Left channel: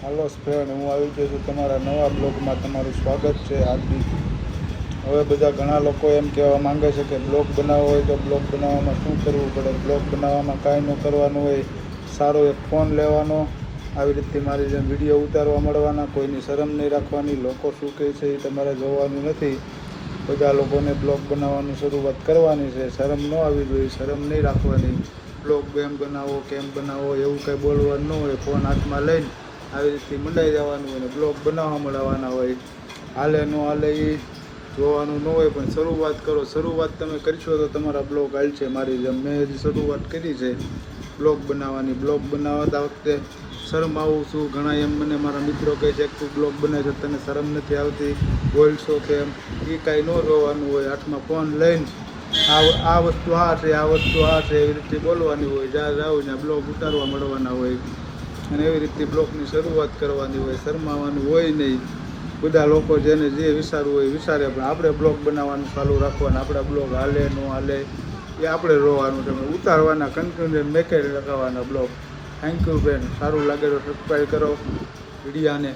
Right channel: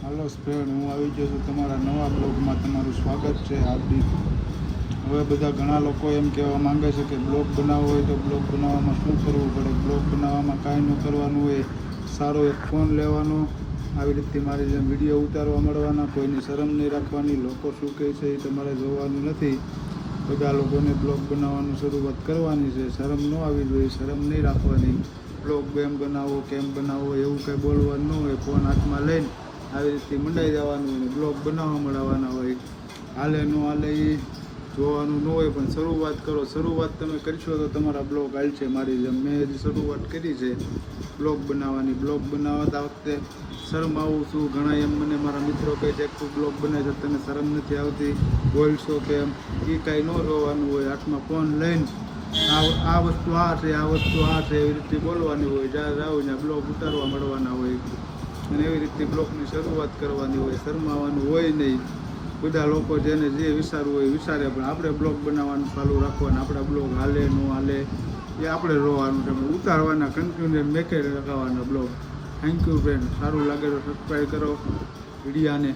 હાલો friend, હું આવી ગયો છું તમારા નવા બ્લોગમાં. તમારું સ્વાગત છે હાર્દિક. હવે બધા ઘણા લોકો એમ કહેવા માંગે છે કે બ્લોગ બનાવવો હોય તો બ્લોગ બનાવવામાં શું કરવું પડે. બ્લોગ બનાવવામાં કાંઈ ન કરવાનું હોય, સારો એક ફોન લેવાનો, આવી રીતે મારી જેમ વિડીયો ઉતારવા મળવાના, કોઈની શરમ નહીં રાખવાની. લોકો શું કહે છે એ તમારે જોવાનું નથી. બધા લોકોને બ્લોગ બનાવવાનું શરૂઆત કરવાની છે. શરમ ન આવી જોઈએ, શરમ નહીં રાખવાની. બ્લોગ કેમ બનાવો એવું કંઈ બોલવાનું ન હોય. ફોન હાથમાં લઈને આવી રીતે મંડાઈ જવાનું હોય ને બ્લોગ બનાવવા મળવાના હોય. હાલે ન હાલે એ જોવાનું ન હોય, પણ શરૂઆત કરો. શરૂઆત તમે કરશો તો તમારા બ્લોગ હાલશે. મારી જેમ મેં હજી શરૂઆત કરી છે બ્લોગ બનાવવાની. બ્લોગ બનાવતા વખતે શરમ આવું છું. ઘણા એમ મને મારા મિત્રો કહે છે કે તું બ્લોગ બનાવે છે, તને શરમ નથી આવતી, બોલશો કેમ? એ કાંઈ ન જોવાનું હોય. હાથમાં ફોન લઈને આ વસ્તુ આ છે, આ વસ્તુ આ છે, એવી રીતે બોલવાની હોય. જ્યાં જાવ ત્યાં બ્લોગ ઉતારવા મળવાના હોય અને એવી રીતે બ્લોગની શરૂઆત કરવાની હોય. શરમાવાનું હોય નહીં. બધા લોકો જેને જે વિચારવું હોય વિચારે, પણ આપણે બ્લોગ બનાવવાનું ચાલુ રાખવાનું. આપણા બ્લોગ હાલે ન હાલે એ આપણે જોવાનું છે. ઉતારવાના, કન્ટિન્યુ મેકે લગાવવાના બ્લોગ. Thank you friend. સારું લાગે તો સબસ્ક્રાઈબ કરો વિડીયાને.